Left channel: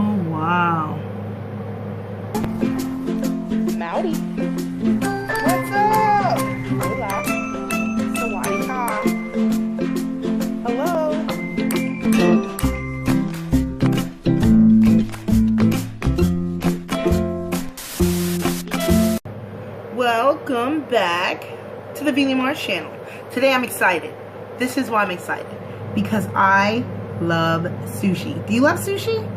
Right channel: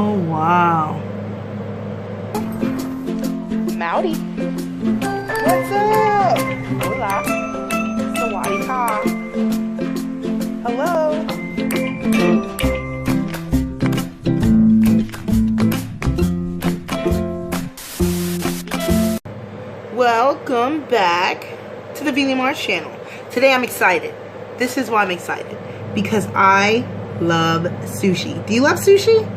Oh, wow. Mowdy. What's up? Hola. Sawadee-ka. Hello. Welcome back to the d.i.y channel. Today I'm excited. This is why I'm excited. Because I love sushi. Do you love sushi?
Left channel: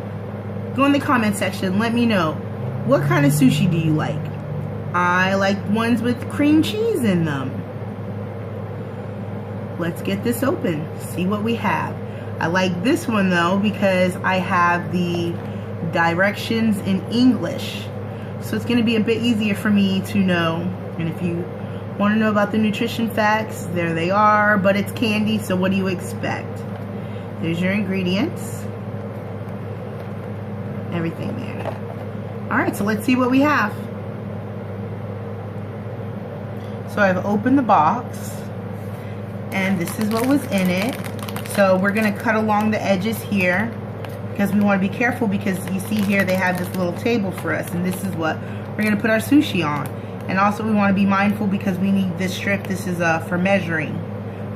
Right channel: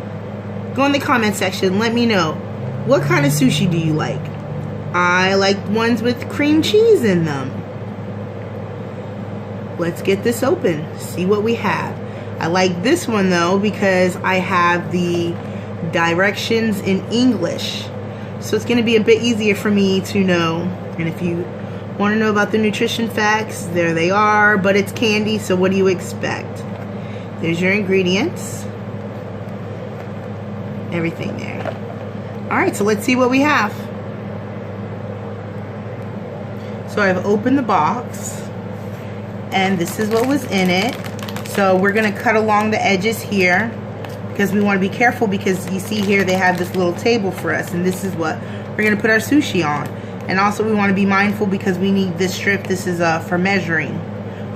Go in the comment section. Let me know. What kind of sushi do you like? I like ones with cream cheese in them. Let's get this open. See what we have. I like this one though because I have the directions in English. So it's going to be a bit easier for me to know. And if you want to know about the nutrition facts, there they are. But it's candy, so what do you expect? There's your ingredients. Everything there. Alright, so let's see what we have. So I've opened the box. And this is what was in it. So we're going to cut along the edges here. Because we want to be careful, because you see here they have this little table for us, and this is what we're going to put our sushi on. And also we want to be mindful because we need this strip. This is for measuring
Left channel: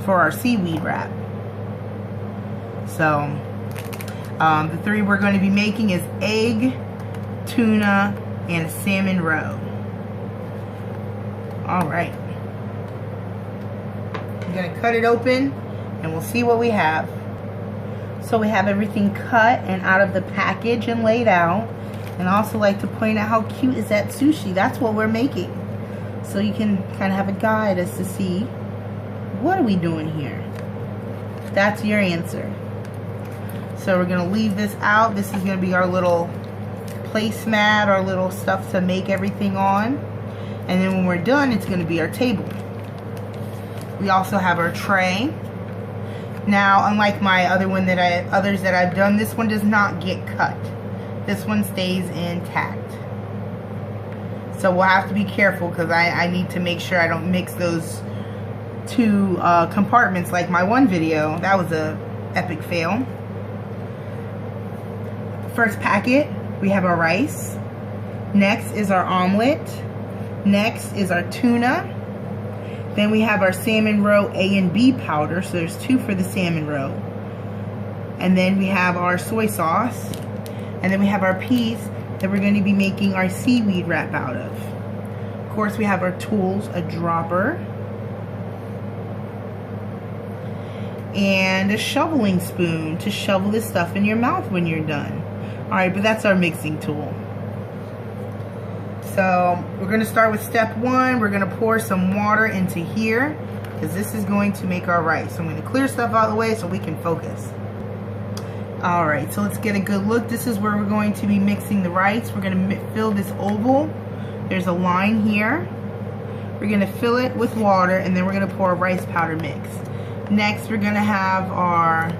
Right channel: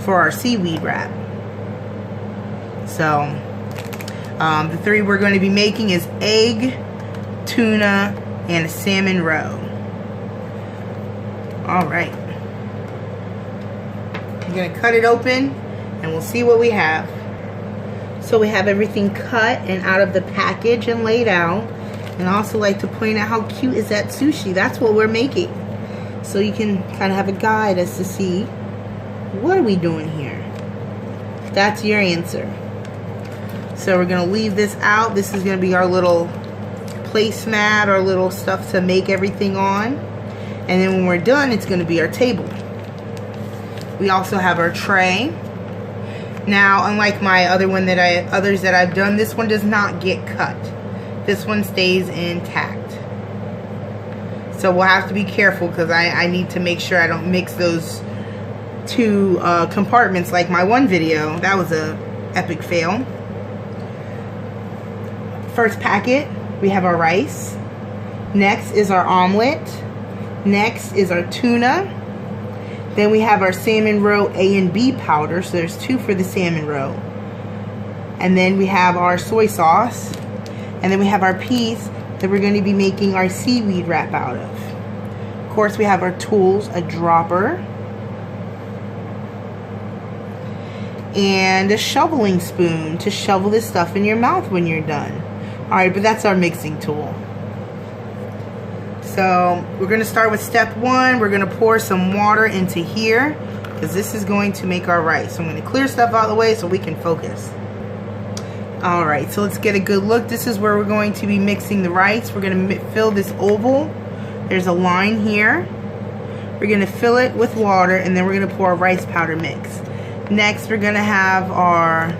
for our seaweed wrap. So the three we're going to be making is egg, tuna, and a salmon roe. Alright, I'm going to cut it open and we'll see what we have. So we have everything cut and out of the package and laid out. And I also like to point out how cute is that sushi. That's what we're making. So you can kind of have a guide as to see, what are we doing here? That's your answer. So we're going to leave this out. This is going to be our little placemat, our little stuff to make everything on. And then when we're done, it's going to be our table. We also have our tray. Now, unlike my others that I've done, this one does not get cut. This one stays intact. So we'll have to be careful because I need to make sure I don't mix those two compartments like my one video. That was a epic fail. First packet, we have our rice. Next is our omelet. Next is our tuna. Then we have our salmon roe A and B powder. So there's two for the salmon roe. And then we have our soy sauce. And then we have our piece that we're going to be making our seaweed wrap out of. Of course, we have our tools, a dropper. And a shoveling spoon to shovel this stuff in your mouth when you're done. Alright, but that's our mixing tool. So we're going to start with step one. We're going to pour some water into here because this is going to make our rice. So I'm going to clear stuff out of the way so we can focus. Alright, so let's get a good look. This is where we're going to be mixing the rice. We're going to fill this oval. There's a line here. We're going to fill it with water, and then we're going to pour a rice powder mix. Next, we're going to have our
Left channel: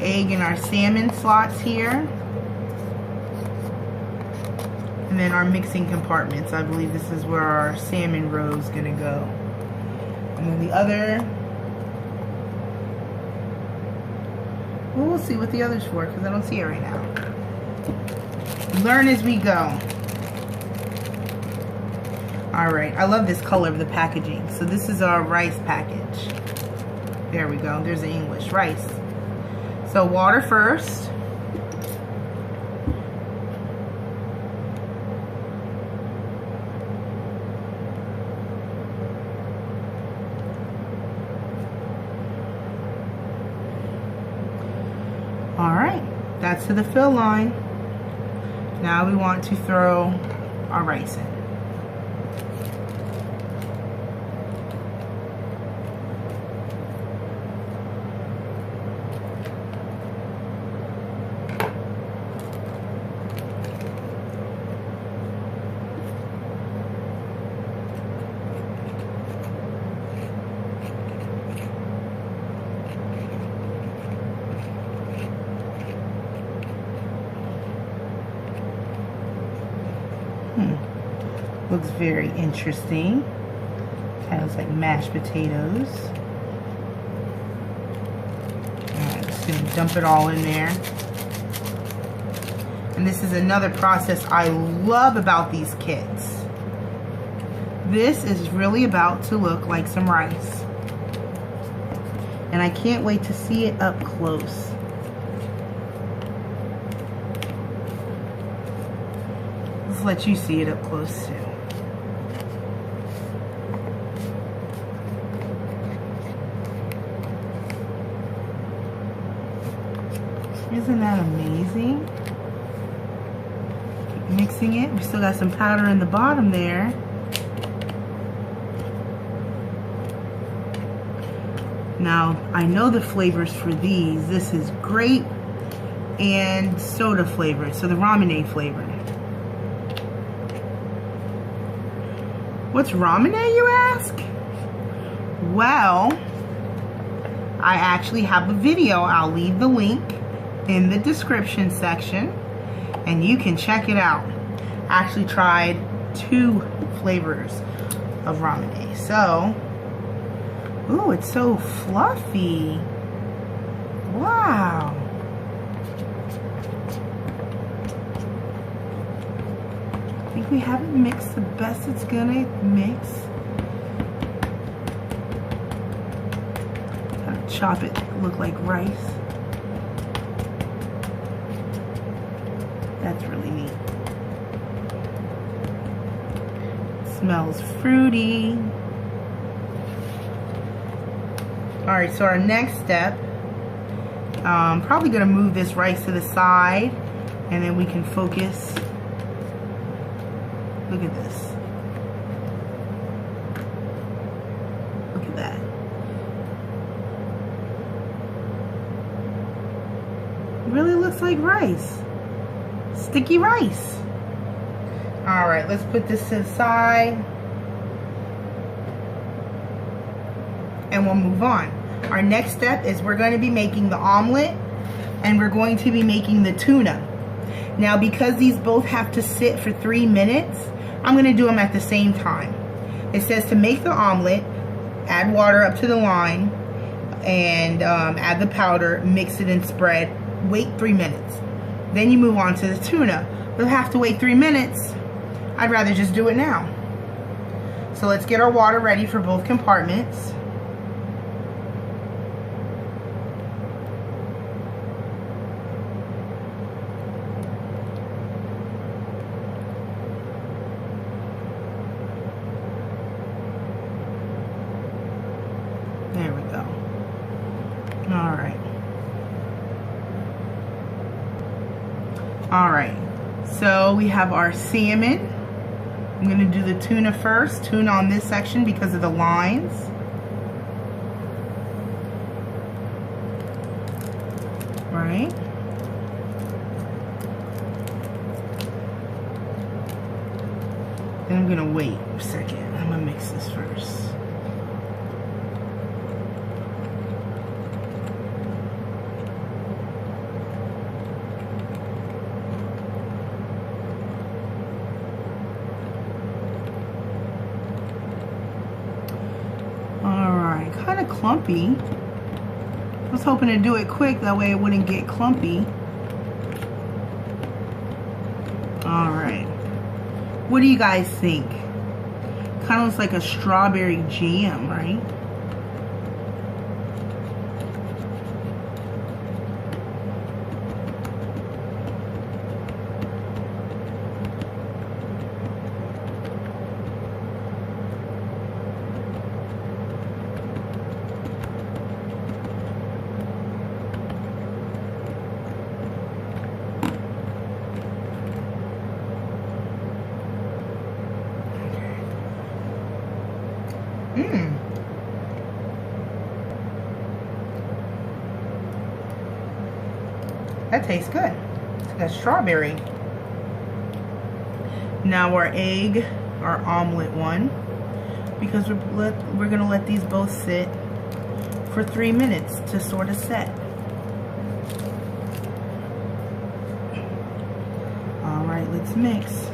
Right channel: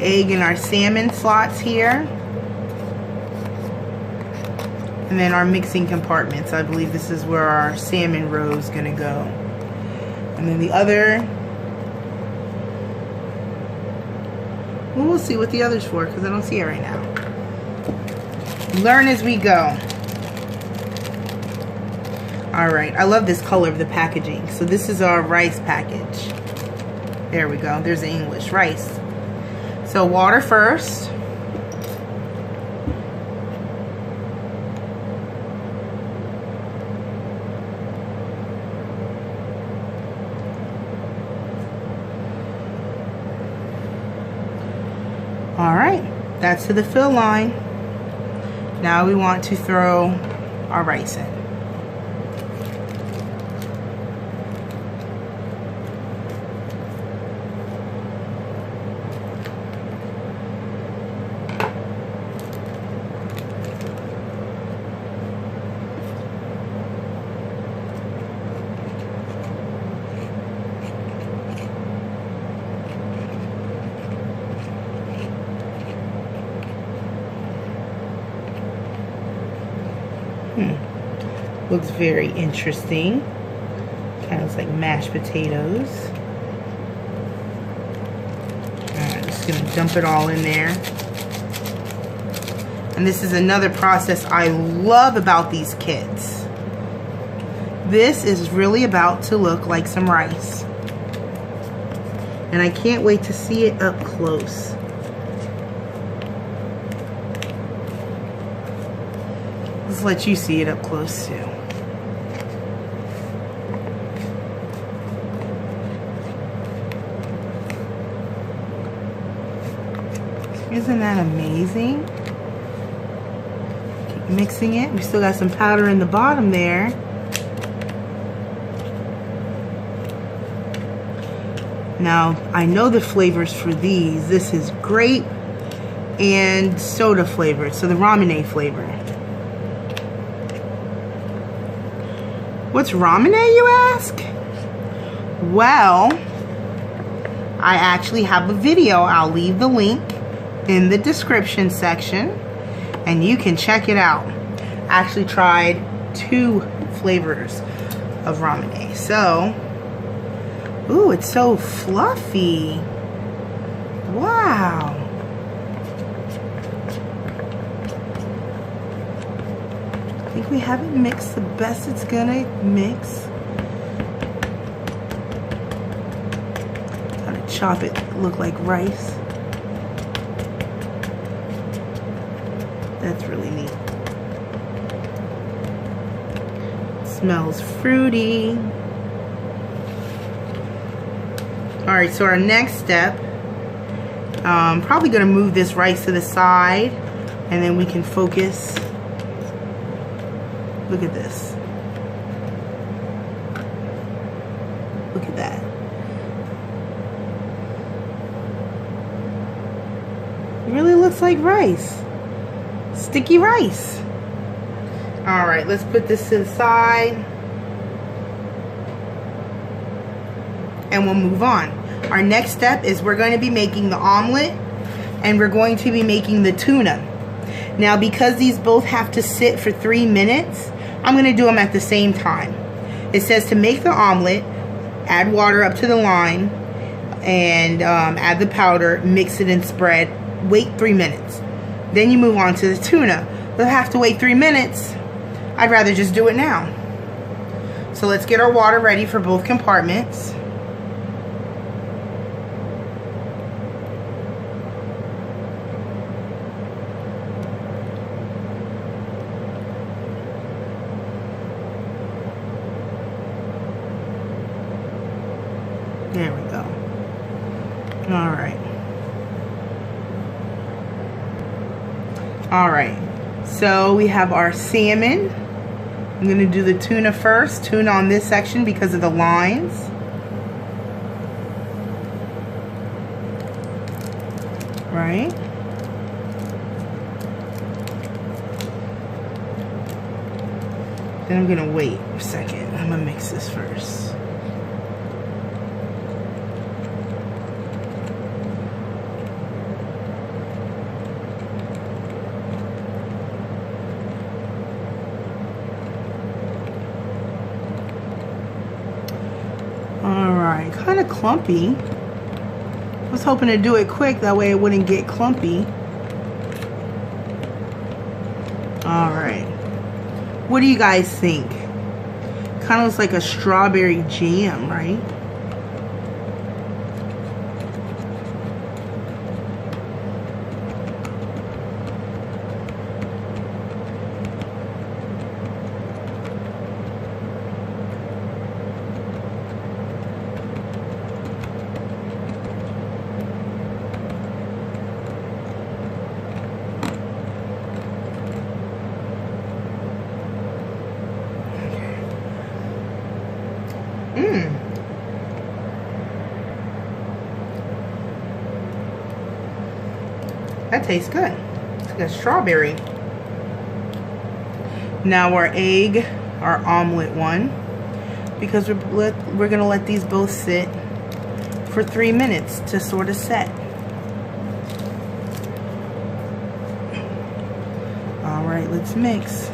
egg and our salmon slots here. And then our mixing compartments. I believe this is where our salmon roe is going to go. And then the other, well, we'll see what the other's for because I don't see it right now. Learn as we go. Alright, I love this color of the packaging. So this is our rice package. There we go. There's the English, rice. So water first. Alright, that's to the fill line. Now we want to throw our rice in. Looks very interesting. Kind of looks like mashed potatoes. Alright, just gonna dump it all in there. And this is another process I love about these kits. This is really about to look like some rice. And I can't wait to see it up close. Let's let you see it up close too. Isn't that amazing? Keep mixing it. We still got some powder in the bottom there. Now, I know the flavors for these. This is grape and soda flavored, so the ramen flavor. What's ramen, you ask? Well, I actually have a video. I'll leave the link in the description section and you can check it out. I actually tried 2 flavors of ramen. So, ooh, it's so fluffy. Wow. I think we have it mixed the best it's gonna mix. Gotta chop it, look like rice. That's really neat. Smells fruity. Alright, so our next step, probably gonna move this rice to the side and then we can focus. Look at this. Look at that. It really looks like rice. Sticky rice. Alright, let's put this to the side. And we'll move on. Our next step is we're going to be making the omelet and we're going to be making the tuna. Now, because these both have to sit for 3 minutes, I'm going to do them at the same time. It says to make the omelet, add water up to the line and add the powder, mix it and spread, wait 3 minutes. Then you move on to the tuna. You'll have to wait 3 minutes. I'd rather just do it now. So let's get our water ready for both compartments. There we go. All right. All right. So we have our salmon. I'm going to do the tuna first. Tuna on this section because of the lines. Right. Then I'm going to wait a second. I'm going to mix this first. Kind of clumpy. I was hoping to do it quick, that way it wouldn't get clumpy. Alright. What do you guys think? Kind of looks like a strawberry jam, right? That tastes good. It's got strawberry. Now our egg, our omelet one, because we're gonna let these both sit for 3 minutes to sort of set. All right, let's mix.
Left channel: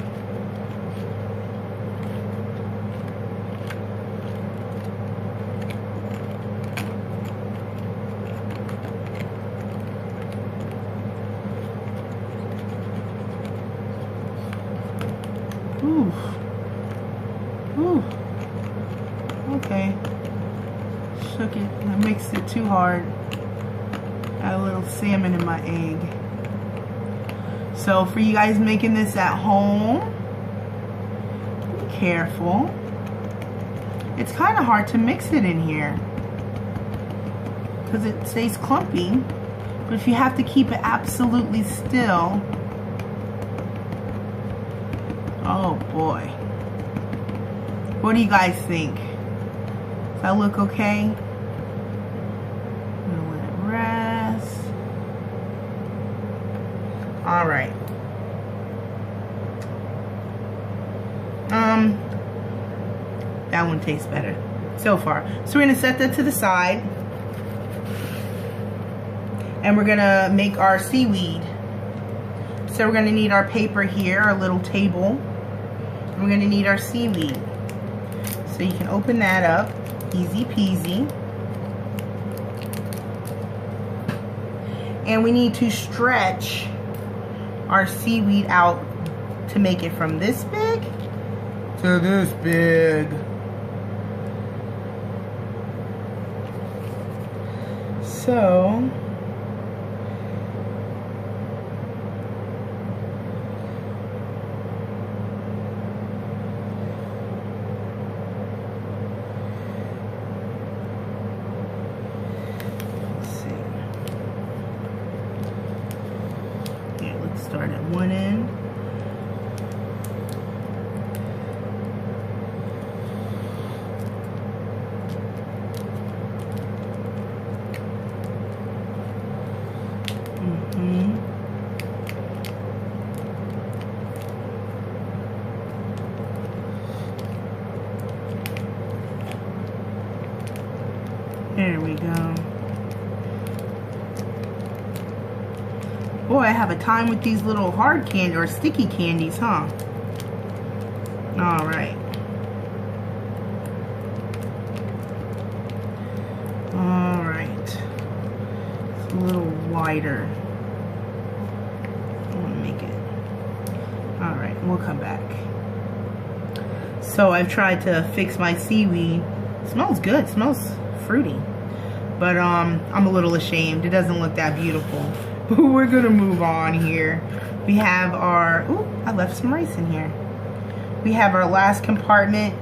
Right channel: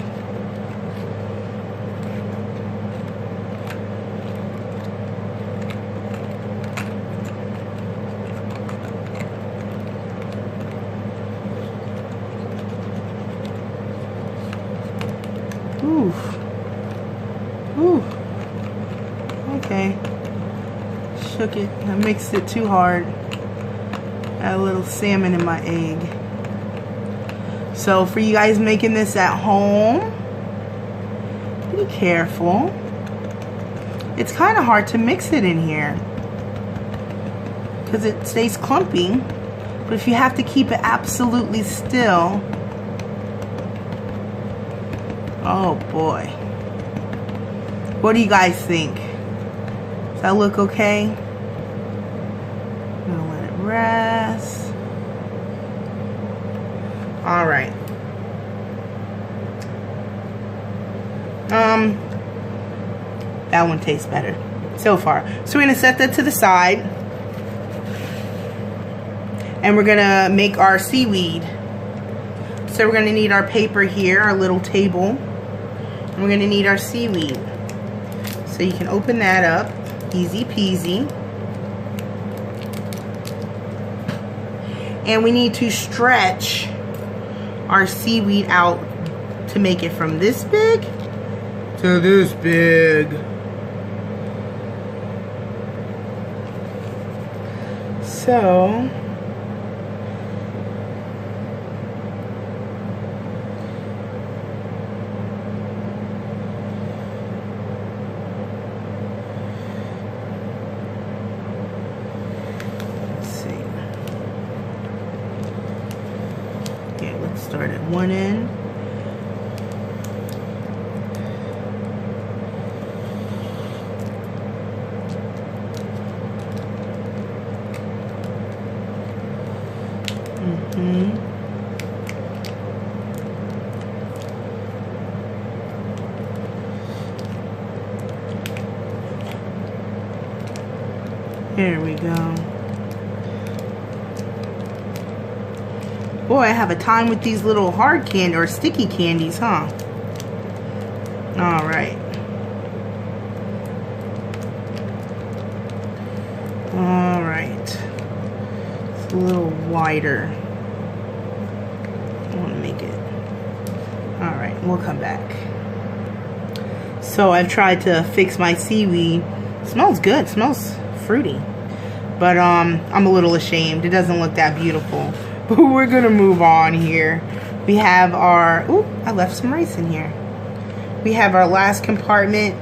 I mixed it too hard. Got a little salmon in my egg. So for you guys making this at home, be careful. It's kind of hard to mix it in here because it stays clumpy. But if you have to keep it absolutely still, oh boy. What do you guys think? Does that look okay? I'm gonna let it rest. All right. That one tastes better so far. So we're gonna set that to the side. And we're gonna make our seaweed. So we're gonna need our paper here, our little table. And we're gonna need our seaweed. So you can open that up, easy peasy. And we need to stretch our seaweed out to make it from this big to this big. So start at one end. There we go. Boy, I have a time with these little hard candy or sticky candies, huh? All right. All right. It's a little wider. I want to make it. All right, we'll come back. So I've tried to fix my seaweed. It smells good. It smells fruity. But I'm a little ashamed. It doesn't look that beautiful. But we're gonna move on here. We have our, ooh, I left some rice in here. We have our last compartment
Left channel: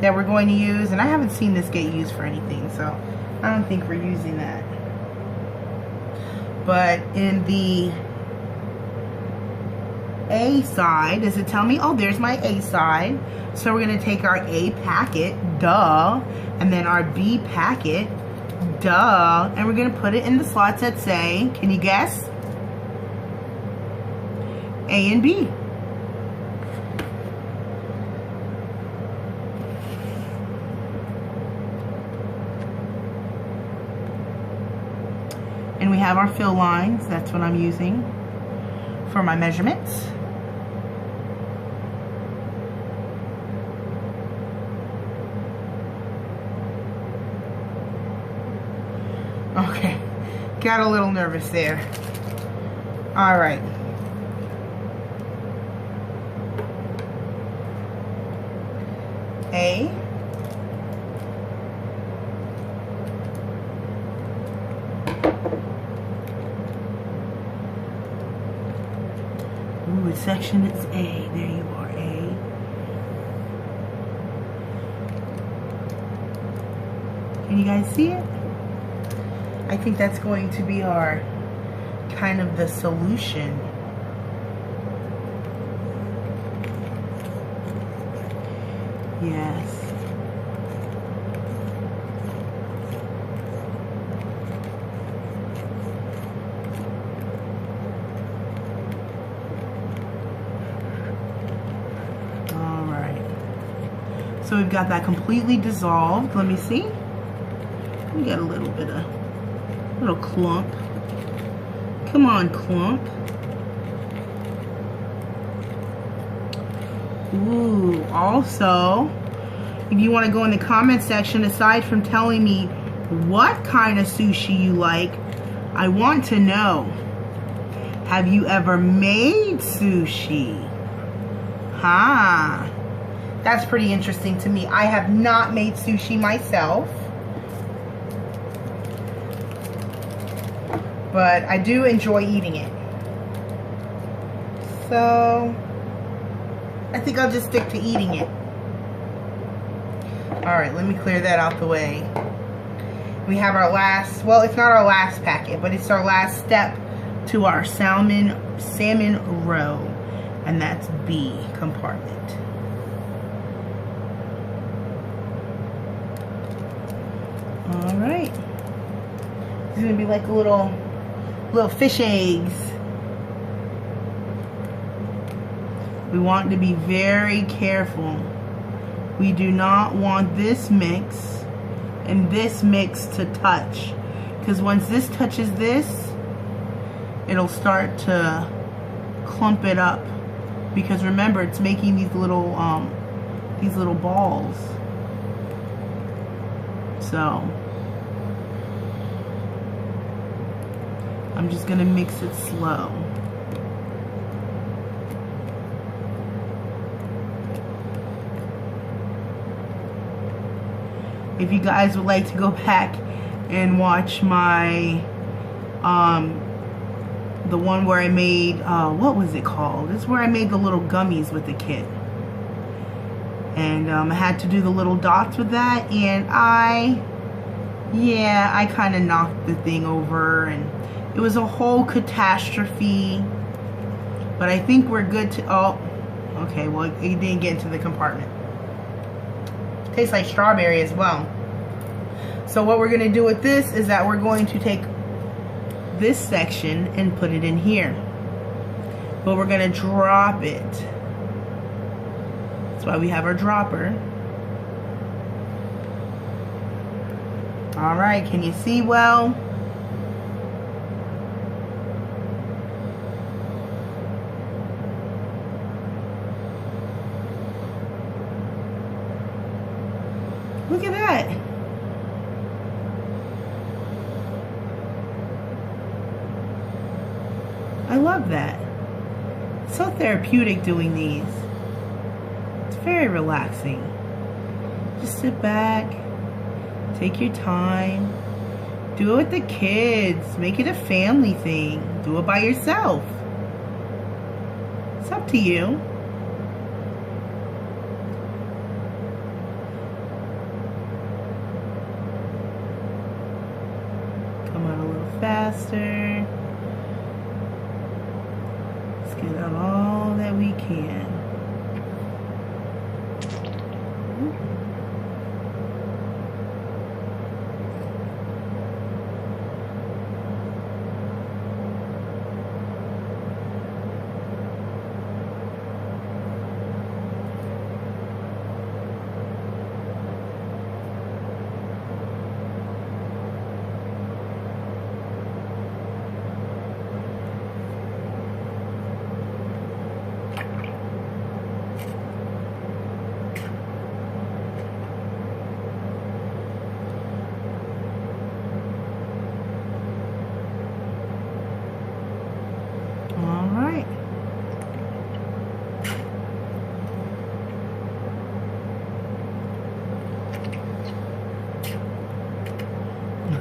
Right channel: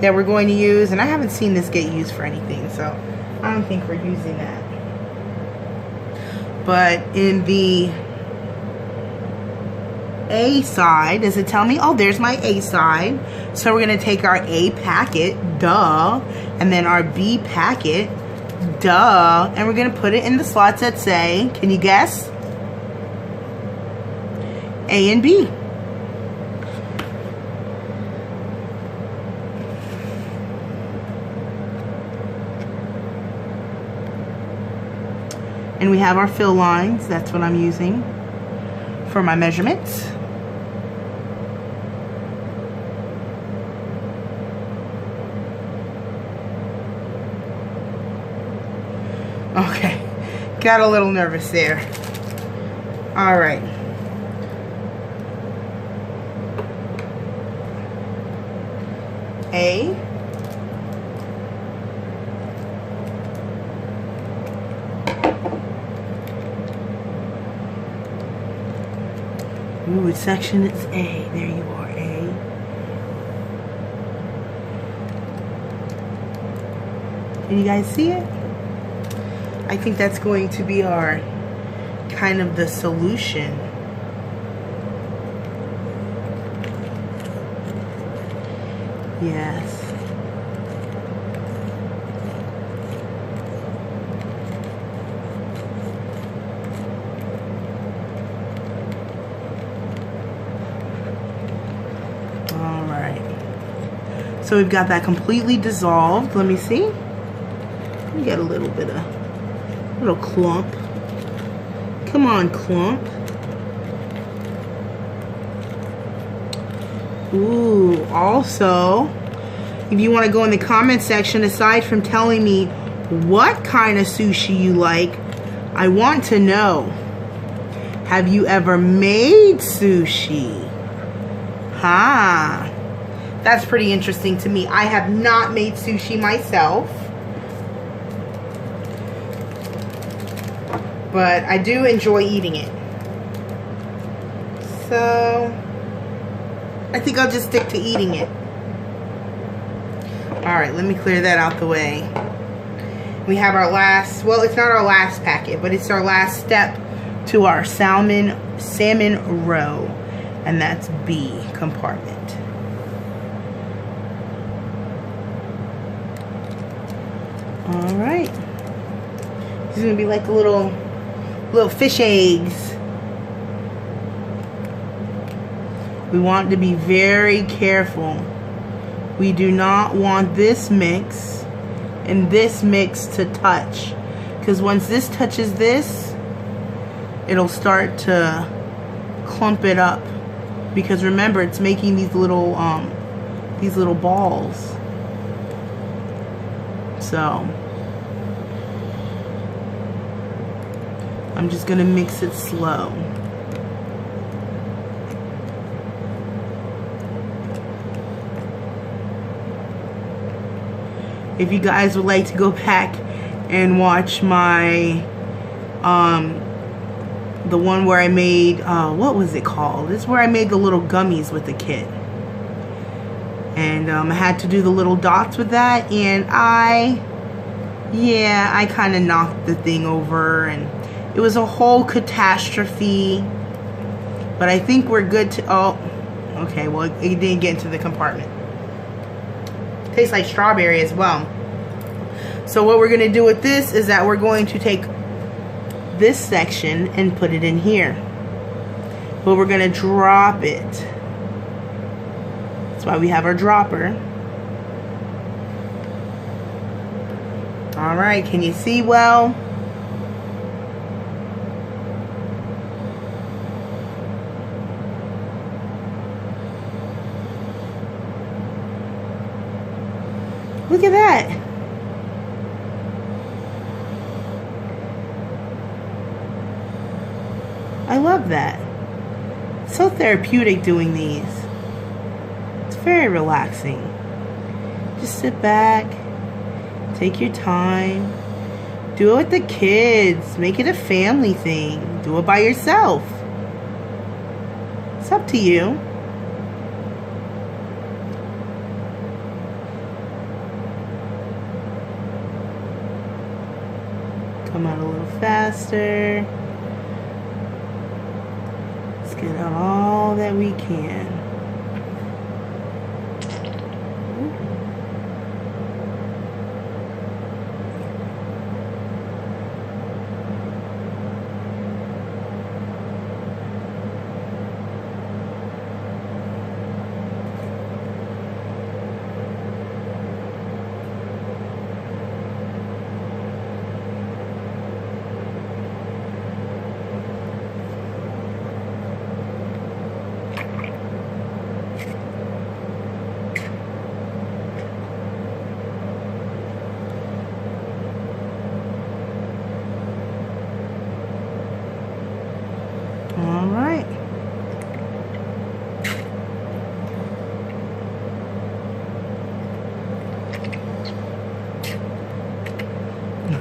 that we're going to use, and I haven't seen this get used for anything, so I don't think we're using that. But in the A side, does it tell me? Oh, there's my A side. So we're gonna take our A packet, duh, and then our B packet, duh, and we're gonna put it in the slots that say, can you guess? A and B. And we have our fill lines. That's what I'm using for my measurements. Okay, got a little nervous there. All right. A. Ooh, which section is A? There you are, A. Can you guys see it? I think that's going to be our kind of the solution. Yes. All right. So we've got that completely dissolved. Let me see. We got a little bit of little clump. Come on, clump. Ooh, also, if you want to go in the comment section, aside from telling me what kind of sushi you like, I want to know, have you ever made sushi? That's pretty interesting to me. I have not made sushi myself. but I do enjoy eating it. So I think I'll just stick to eating it. Alright, let me clear that out the way. We have our last, well, it's not our last packet, but it's our last step to our salmon roe, and that's B compartment. Alright. This is gonna be like the little fish eggs. We want to be very careful. We do not want this mix and this mix to touch, because once this touches this, it'll start to clump it up, because remember, it's making these little balls. So I'm just gonna mix it slow. If you guys would like to go back and watch my the one where I made what was it called? It's where I made the little gummies with the kit, and I had to do the little dots with that, and I kind of knocked the thing over, and it was a whole catastrophe. But I think we're good to, oh, okay, well, it didn't get into the compartment. Tastes like strawberry as well. So what we're going to do with this is that we're going to take this section and put it in here, but we're going to drop it. That's why we have our dropper. All right, can you see well? Look at that. I love that. It's so therapeutic doing these. It's very relaxing. Just sit back, take your time, do it with the kids, make it a family thing, do it by yourself. It's up to you. Come out a little faster. Let's get out all that we can.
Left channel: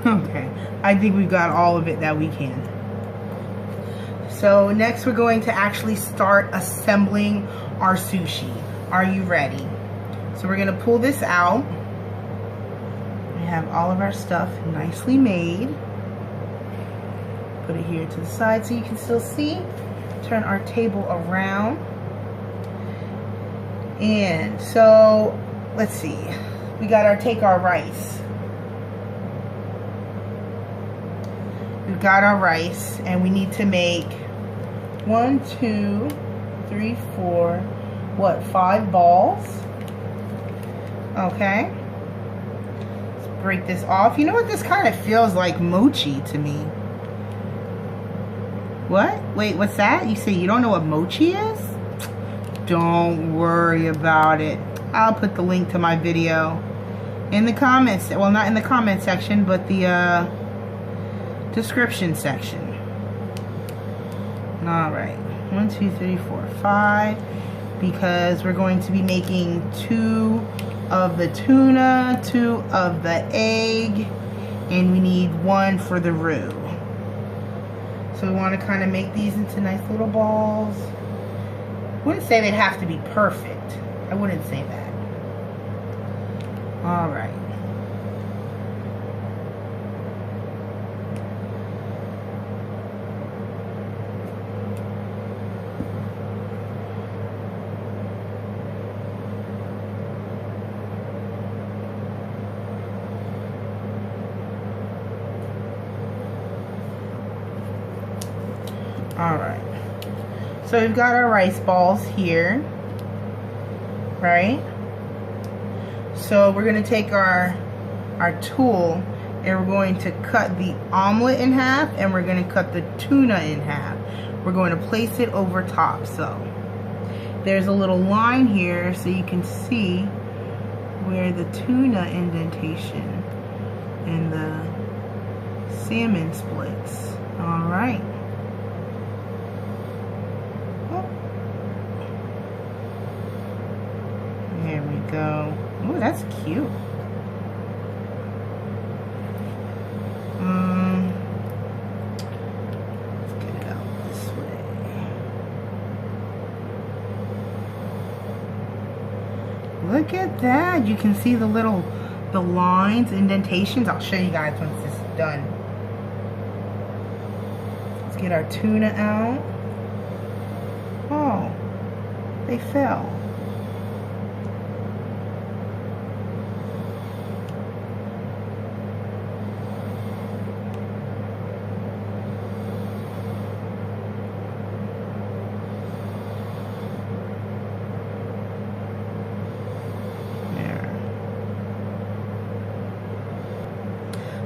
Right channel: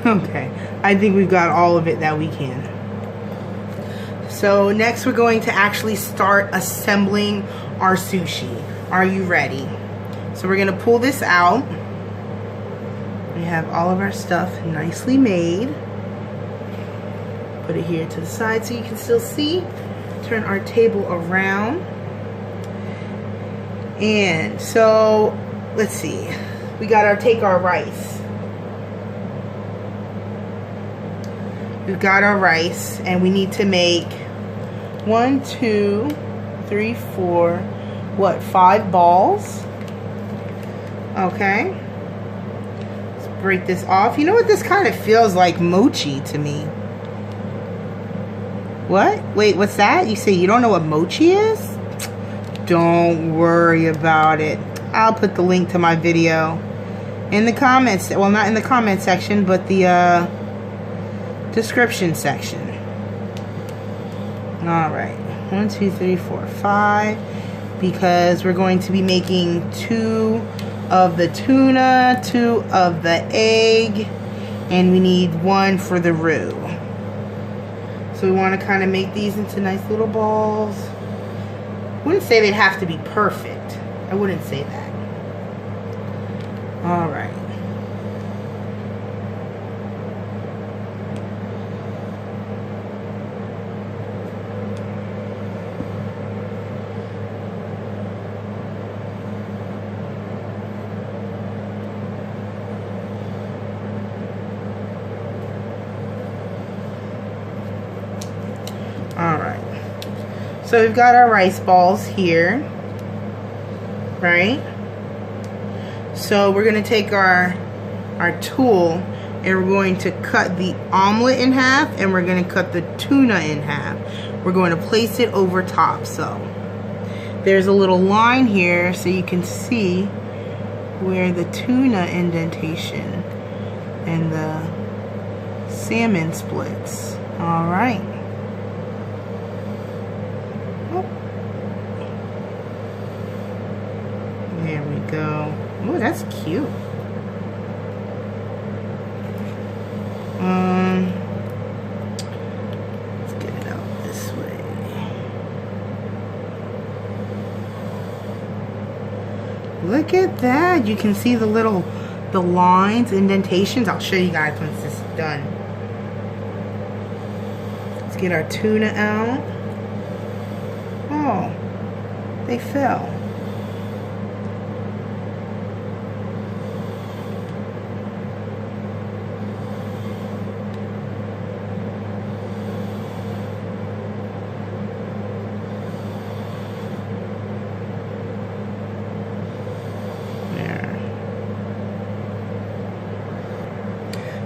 Okay, I think we've got all of it that we can. So next we're going to actually start assembling our sushi. Are you ready? So we're going to pull this out. We have all of our stuff nicely made. Put it here to the side so you can still see. Turn our table around. And so let's see. We got our take our rice. We've got our rice, and we need to make 1, 2, 3, 4, what, 5 balls. Okay. Let's break this off. You know what, this kind of feels like mochi to me. What? Wait, what's that? You say you don't know what mochi is? Don't worry about it. I'll put the link to my video in the comments. Well, not in the comment section, but the description section. Alright, 1, 2, 3, 4, 5, because we're going to be making 2 of the tuna, 2 of the egg, and we need 1 for the roux. So we want to kind of make these into nice little balls. I wouldn't say they'd have to be perfect. I wouldn't say that. All right. So we've got our rice balls here, right? So we're going to take our tool and we're going to cut the omelet in half and we're going to cut the tuna in half. We're going to place it over top. So there's a little line here so you can see where the tuna indentation and the salmon splits. All right. There we go. Oh, that's cute. Let's get it out this way. Look at that. You can see the lines, indentations. I'll show you guys once this is done. Let's get our tuna out. Oh, they fell.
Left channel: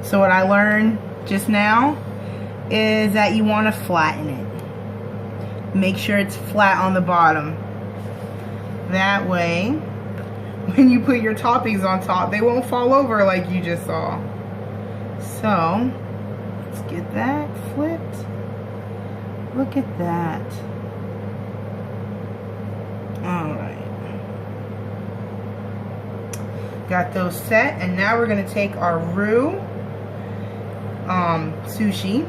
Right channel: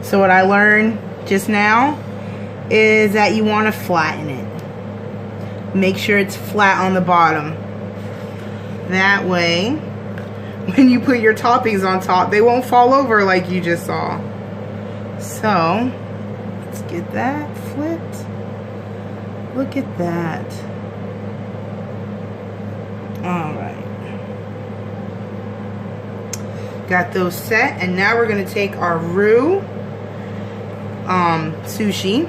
So what I learned just now is that you want to flatten it. Make sure it's flat on the bottom. That way, when you put your toppings on top, they won't fall over like you just saw. So, let's get that flipped. Look at that. Alright. Got those set, and now we're going to take our roux sushi,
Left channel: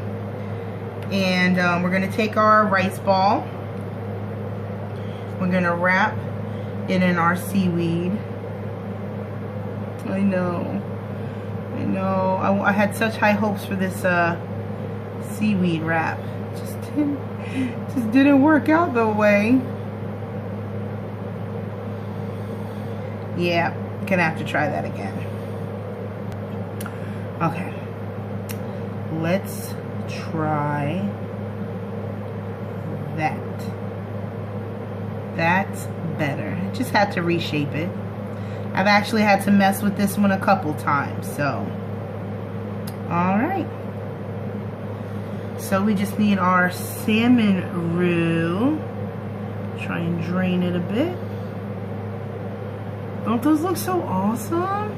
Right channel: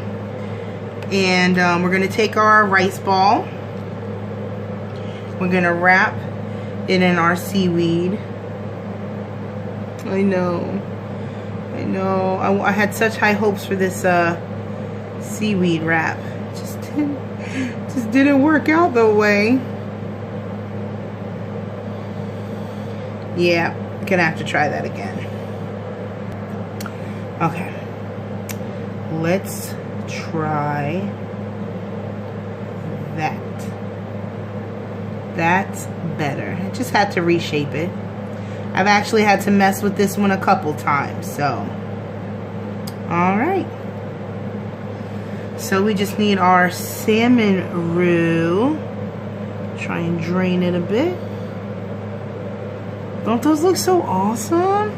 and we're going to take our rice ball. We're going to wrap it in our seaweed. I know. I had such high hopes for this seaweed wrap. Just didn't work out the way. Yeah, gonna have to try that again. Okay. Let's try that. That's better. I just had to reshape it. I've actually had to mess with this one a couple times, so. Alright. So we just need our salmon roux. Try and drain it a bit. Don't those look so awesome?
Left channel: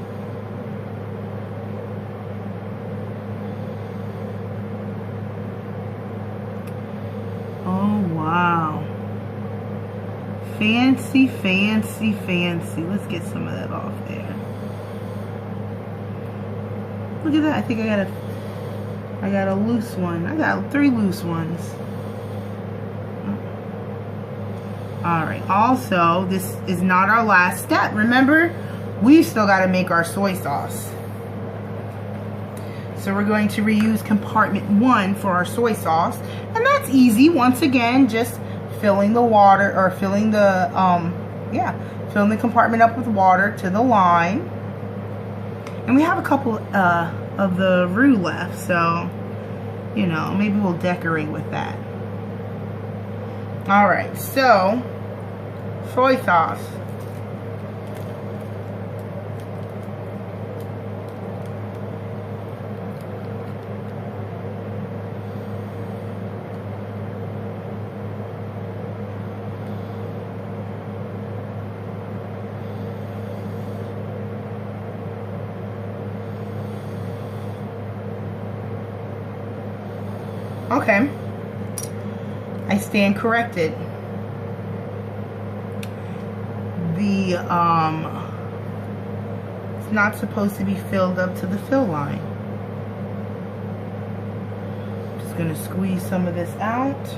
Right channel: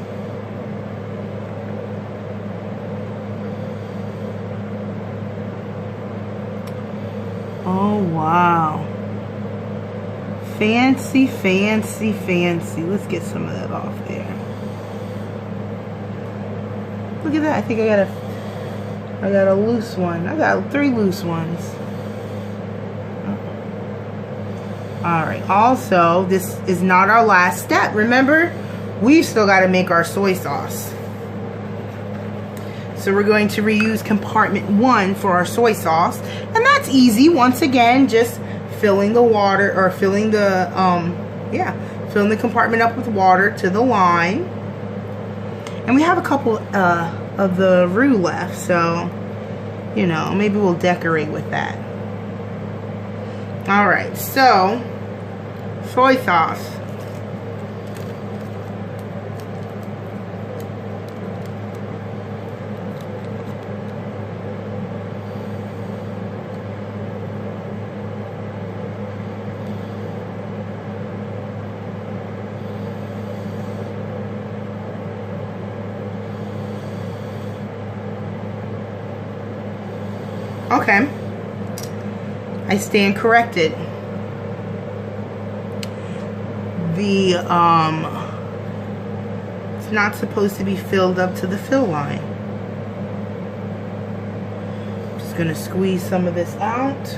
Oh, wow. Fancy, fancy, fancy. Let's get some of that off there. Look at that. I think I got a loose one. I got 3 loose ones. Alright, also, this is not our last step. Remember, we've still got to make our soy sauce. So we're going to reuse compartment 1 for our soy sauce. And that's easy. Once again, just filling the water, or filling the, filling the compartment up with water to the line. And we have a couple of the roux left, so, you know, maybe we'll decorate with that. Alright, so, soy sauce. Okay, I stand corrected. It's not supposed to be filled up to the fill line. Just gonna squeeze some of this out.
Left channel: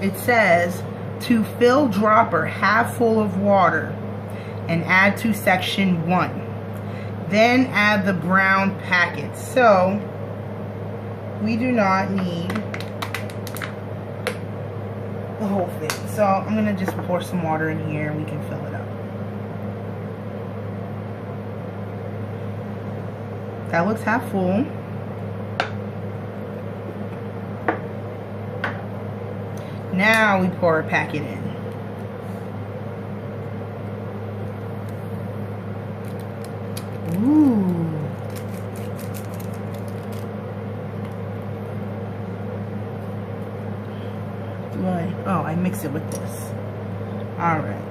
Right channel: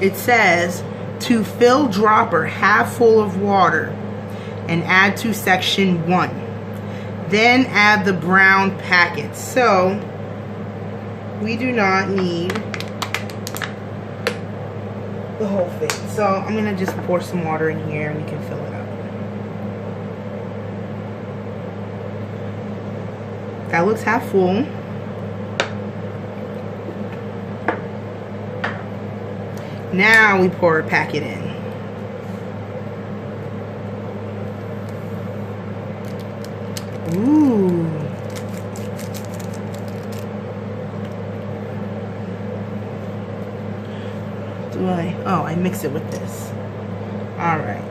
It says to fill dropper half full of water and add to section 1. Then add the brown packet. So we do not need the whole thing. So I'm gonna just pour some water in here and we can fill it up. That looks half full. Now we pour a packet in. Ooh. I mix it with this. All right.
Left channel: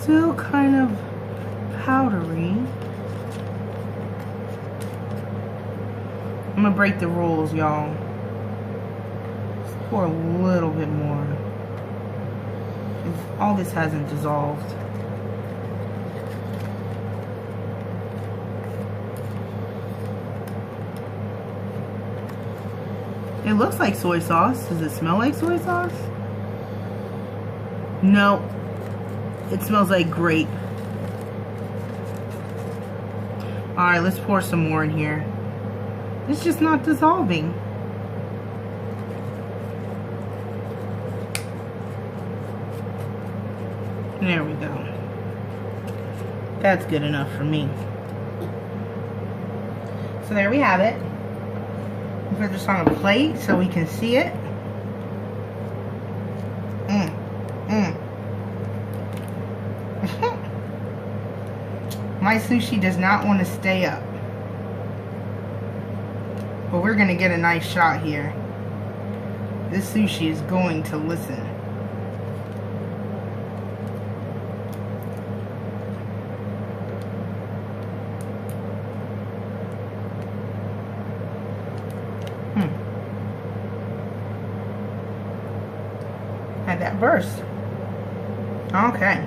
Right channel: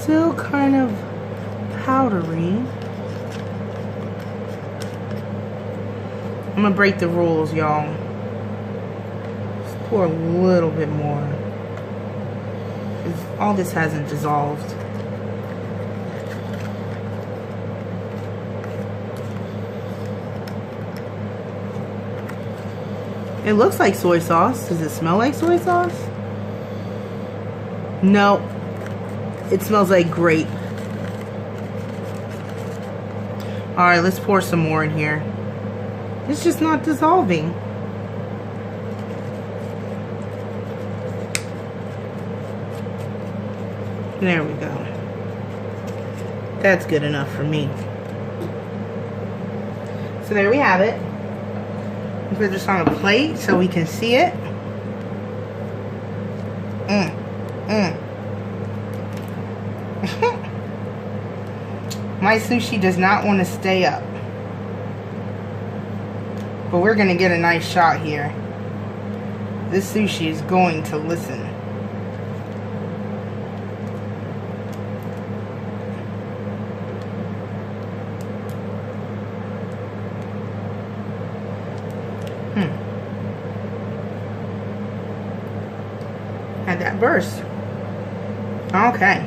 Still kind of powdery. I'm gonna break the rules, y'all. Just pour a little bit more. 'Cause all this hasn't dissolved. It looks like soy sauce. Does it smell like soy sauce? No. It smells like grape. Alright, let's pour some more in here. It's just not dissolving. There we go. That's good enough for me. So there we have it. We put this on a plate so we can see it. My sushi does not want to stay up. But we're going to get a nice shot here. This sushi is going to listen. Had that burst. Okay.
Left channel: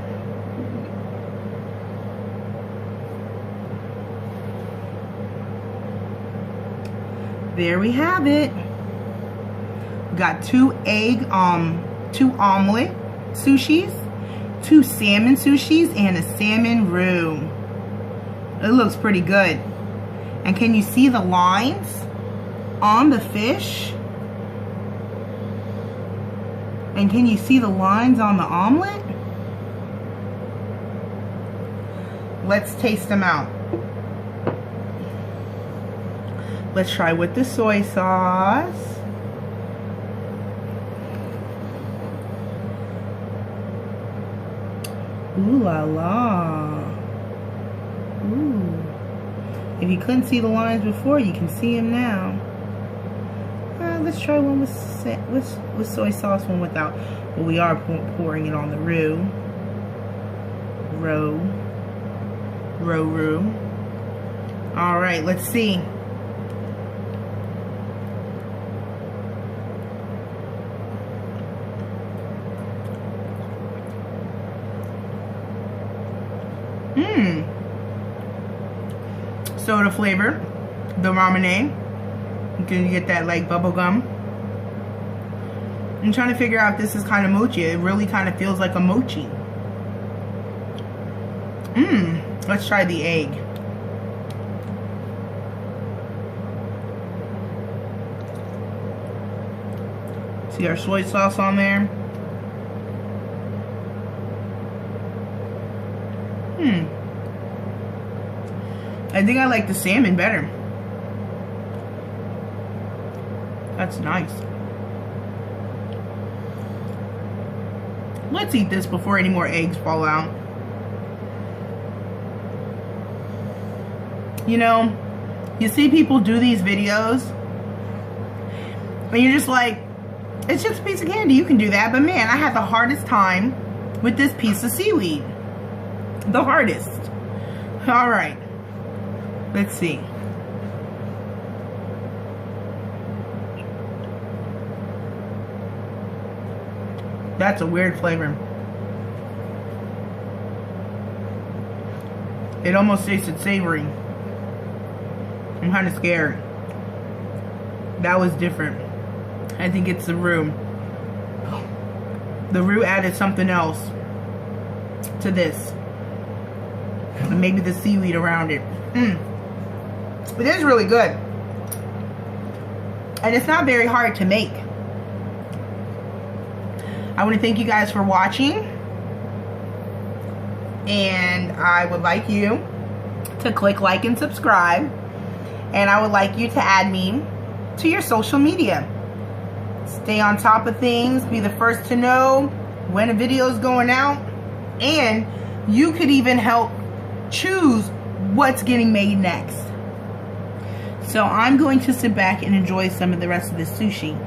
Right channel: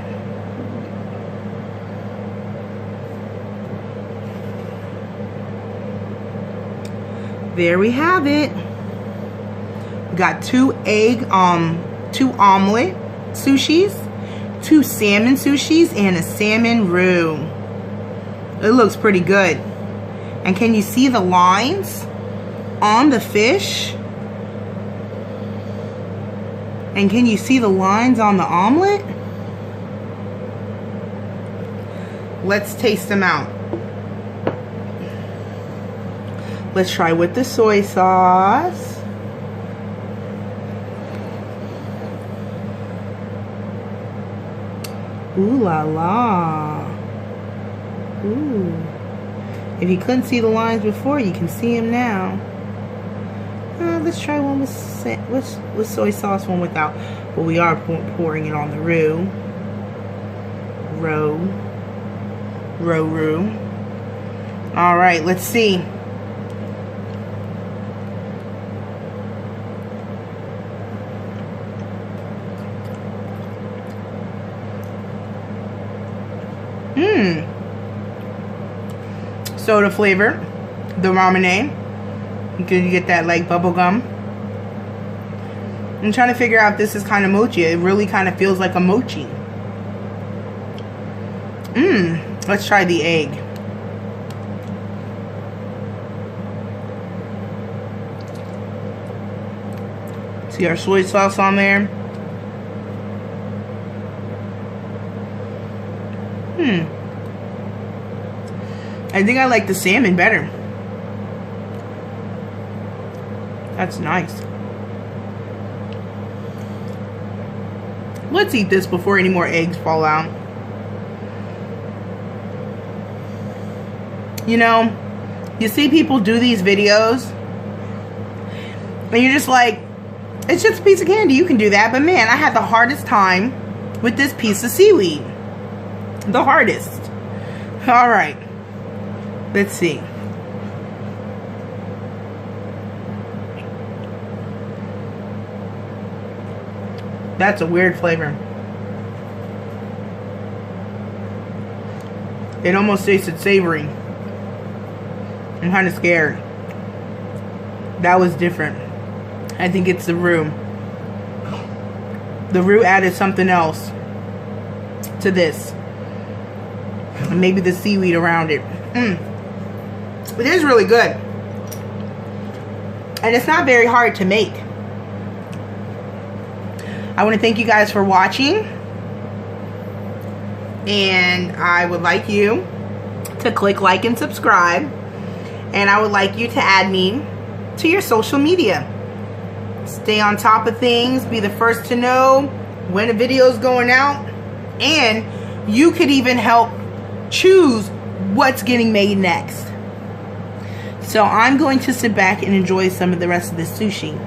There we have it. We got 2 omelet sushis, 2 salmon sushis, and a salmon roux. It looks pretty good. And can you see the lines on the fish? And can you see the lines on the omelet? Let's taste them out. Let's try with the soy sauce. Ooh la la. Ooh. If you couldn't see the lines before, you can see them now. Let's try one with soy sauce, one without. But we are pouring it on the roux. Roux. Alright, let's see. Soda flavor, the ramen. You can get that like bubble gum. I'm trying to figure out if this is kind of mochi. It really kind of feels like a mochi. Let's try the egg. See our soy sauce on there. I think I like the salmon better. That's nice. Let's eat this before any more eggs fall out. You know, you see people do these videos and you're just like, it's just a piece of candy, you can do that. But man, I had the hardest time with this piece of seaweed. The hardest. All right, let's see. That's a weird flavor. It almost tasted savory. I'm kind of scared. That was different. I think it's the roux. The roux added something else to this. And maybe the seaweed around it. It is really good. And it's not very hard to make. I want to thank you guys for watching. And I would like you to click like and subscribe. And I would like you to add me to your social media. Stay on top of things. Be the first to know when a video is going out. And you could even help choose what's getting made next. So I'm going to sit back and enjoy some of the rest of this sushi.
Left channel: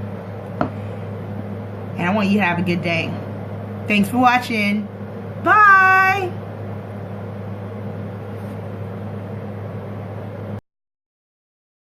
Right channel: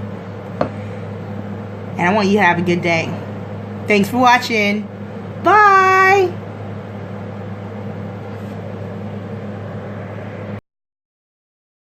And I want you to have a good day. Thanks for watching. Bye.